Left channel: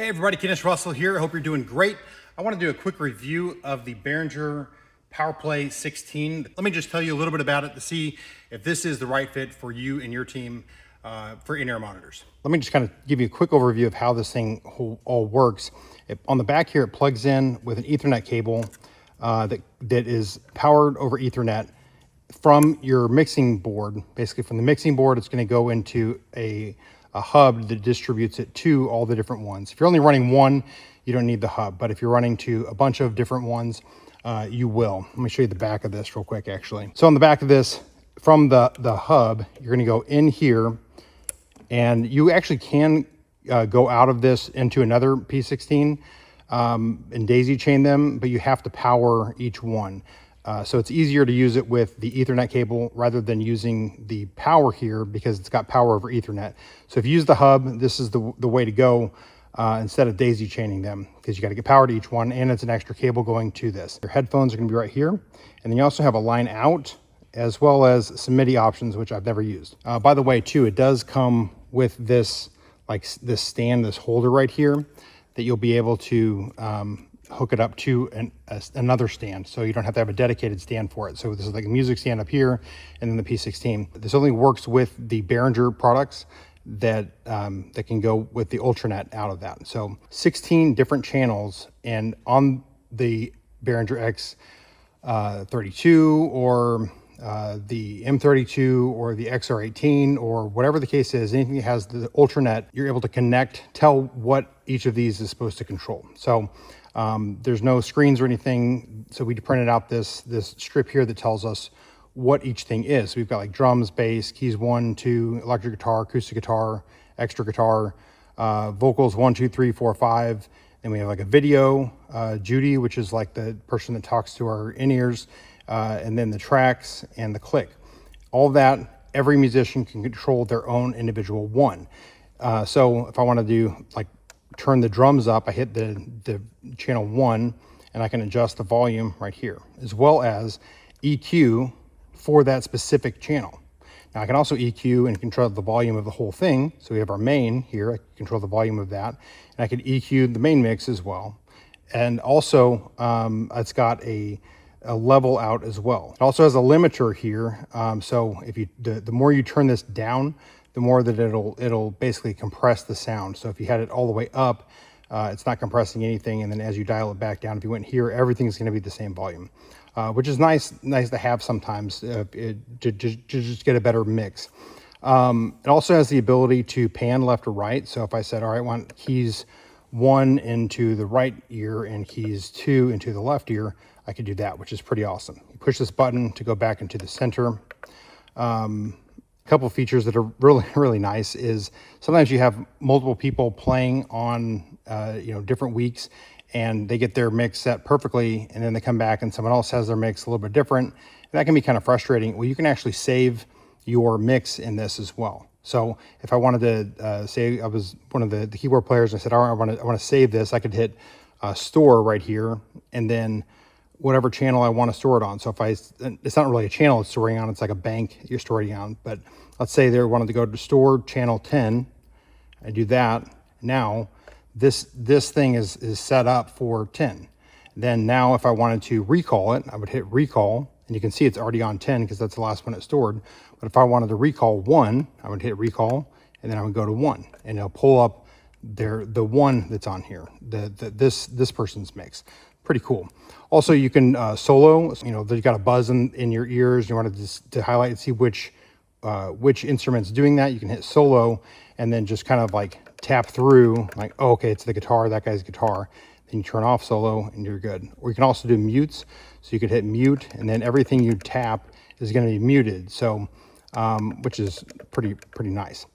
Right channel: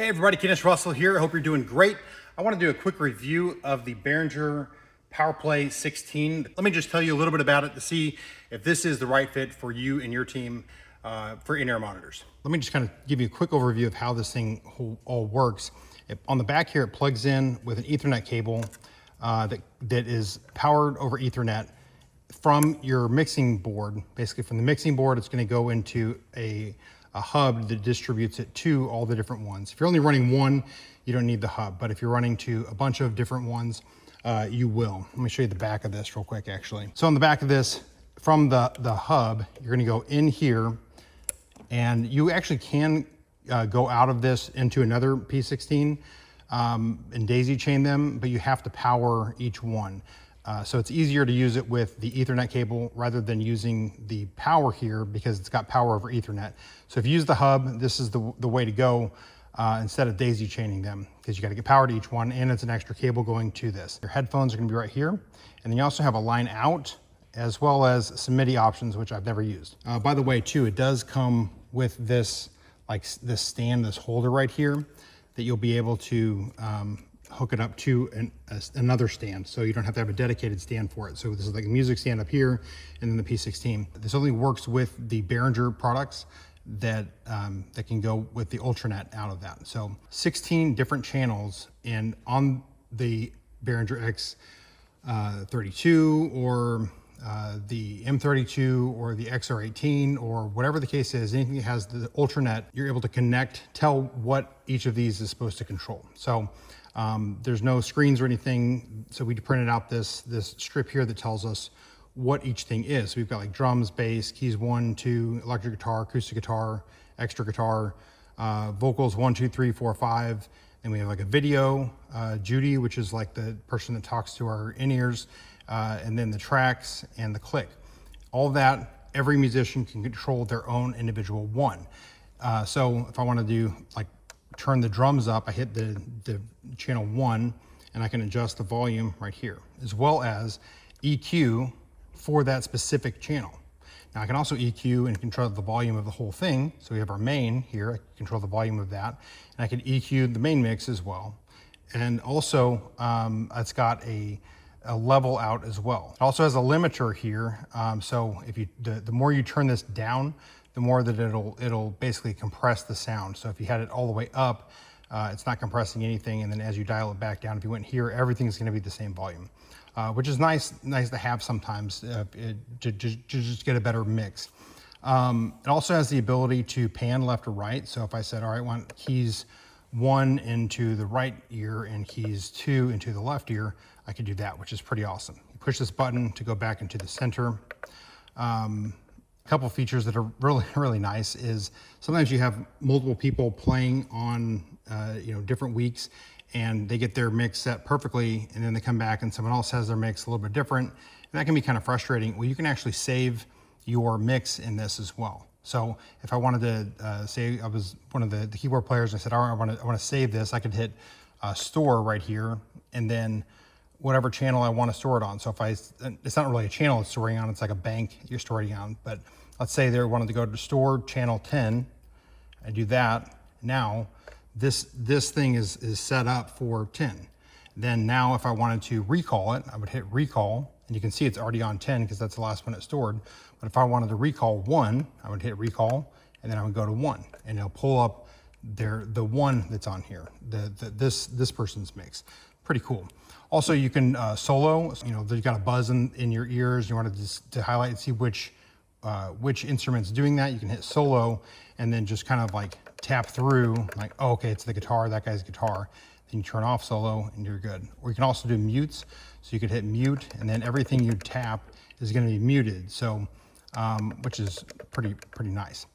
Hey everybody, Kenneth Russell here. I hope you're doing great. I want to do a quick review of the Behringer P16. Let me just tell you a little bit about it to see if this is the right fit for you and your team for in-ear monitors. Let me just kind of give you a quick overview of how this thing all works. On the back here, it plugs in with an Ethernet cable that is powered over Ethernet from your mixing board. Basically from the mixing board, it's going to go into a hub that distributes it to all the different ones. If you're only running one, you don't need the hub, but if you're running to a bunch of different ones, you will. Let me show you the back of this real quick, actually. So on the back of this, from the hub, you're gonna go in here, and you actually can go out of this into another P16 and daisy chain them, but you have to power each one. So it's easier to use it with the Ethernet cable rather than using the power here because it's got power over Ethernet. So if you use the hub, this is the way to go instead of daisy chaining them, because you got to get power to each one, and it's an extra cable going to this. Your headphones are going to be right here, and then you also have a line out as well as some MIDI options, which I've never used. By the way, too, it does come with this, like this stand, this holder right here, that you'll be able to hook it up to another stand, so you don't have to have a dedicated stand for it. So this is like a music stand up here, and then the P16. This only works with the Behringer products that can go with the Ultranet out of that. So 16 different channels, and on the Behringer X32 or the M32 or the XR18 or whatever the case is, anything that has the Ultranet, you're able to connect, tell what each of these is supposed to control. So there's no screens or anything, so we printed out this strip here that tells us what each thing is. So we've got like drums, bass, keys 1, 2, electric guitar, acoustic guitar, extra guitar, vocals 1, 2, 3, 4, 5. Then we have like a video, Judy, which is like the person that talks to our in-ears, and then the tracks and the click. All of that, every musician can control their own individual one. So if I want to do like turn the drums up, I hit the channel 1, and I can adjust the volume right here, as well as EQ for that specific channel. Now I can also EQ and control the volume of the whole thing. So we have our main here, I can control the volume of that, and I can EQ the main mix as well. And also it's got a level out as well. It also has a limiter here. So if you the more you turn this down, the more that it'll basically compress the sound. So if you had it all the way up, it's not compressing anything. And then as you dial it back down, if you went here, everything's going to be the same volume, which is nice to have sometimes to just get a better mix. It also has the ability to pan left or right. So if I said, all right, I want keys 1 into the right ear and keys 2 into the left ear, I could do that, which is pretty awesome. You push this button to go back into the center. Couple of features that are really nice is sometimes you have multiple people playing on different weeks, and they get their mix set perfectly, and then they come back and someone else has their mix a little bit different, and that can be kind of frustrating. Well, you can actually save your mix in this as well. So if I wanted to say I was one of the keyboard players, I said, all right, I want to save this, I could hit store right here, and then whatever channel I want to store it on. So if it's not really a channel it's storing on, it's like a bank you're storing on. But let's say they wanted to go to store channel 10. I do that. Now this thing is set up for 10. Then now if I wanted to recall it, I would hit recall, and you can see it's already on 10 because that's the last one it stored. But if I wanted to recall 1, I would hit recall, and then I would go to 1, and it'll pull up the one that's on here, this person's mix. Pretty cool. Also, you can solo. You've got a buzz in your ears. You want to highlight and see which instrument's doing that. You can hit solo and then just kind of like tap through, like, oh, okay, it's the guitar, that guy's guitar. Then you turn off solo and you're good. Or you can also do mutes. So you could hit mute, and then everything you tap is going to be muted. So, which is pretty nice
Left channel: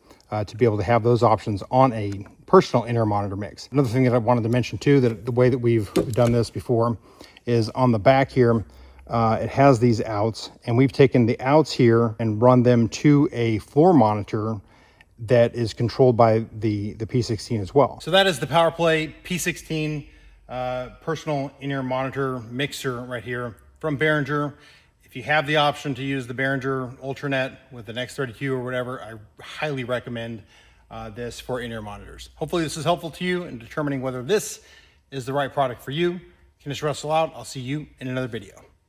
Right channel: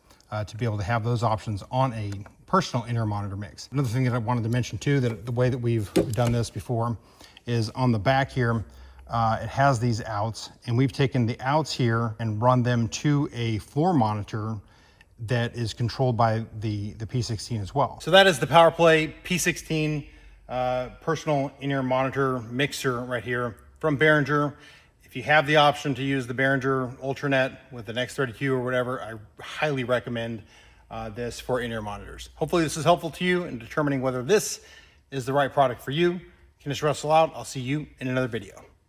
to be able to have those options on a personal in-ear monitor mix. Another thing that I wanted to mention too, that the way that we've done this before is on the back here, it has these outs, and we've taken the outs here and run them to a floor monitor that is controlled by the P16 as well. So that is the PowerPlay P16 personal in-ear monitor mixer right here from Behringer. If you have the option to use the Behringer Ultranet with an X32 or whatever, I highly recommend this for in-ear monitors. Hopefully this is helpful to you in determining whether this is the right product for you. Kenneth Russell out. I'll see you in another video.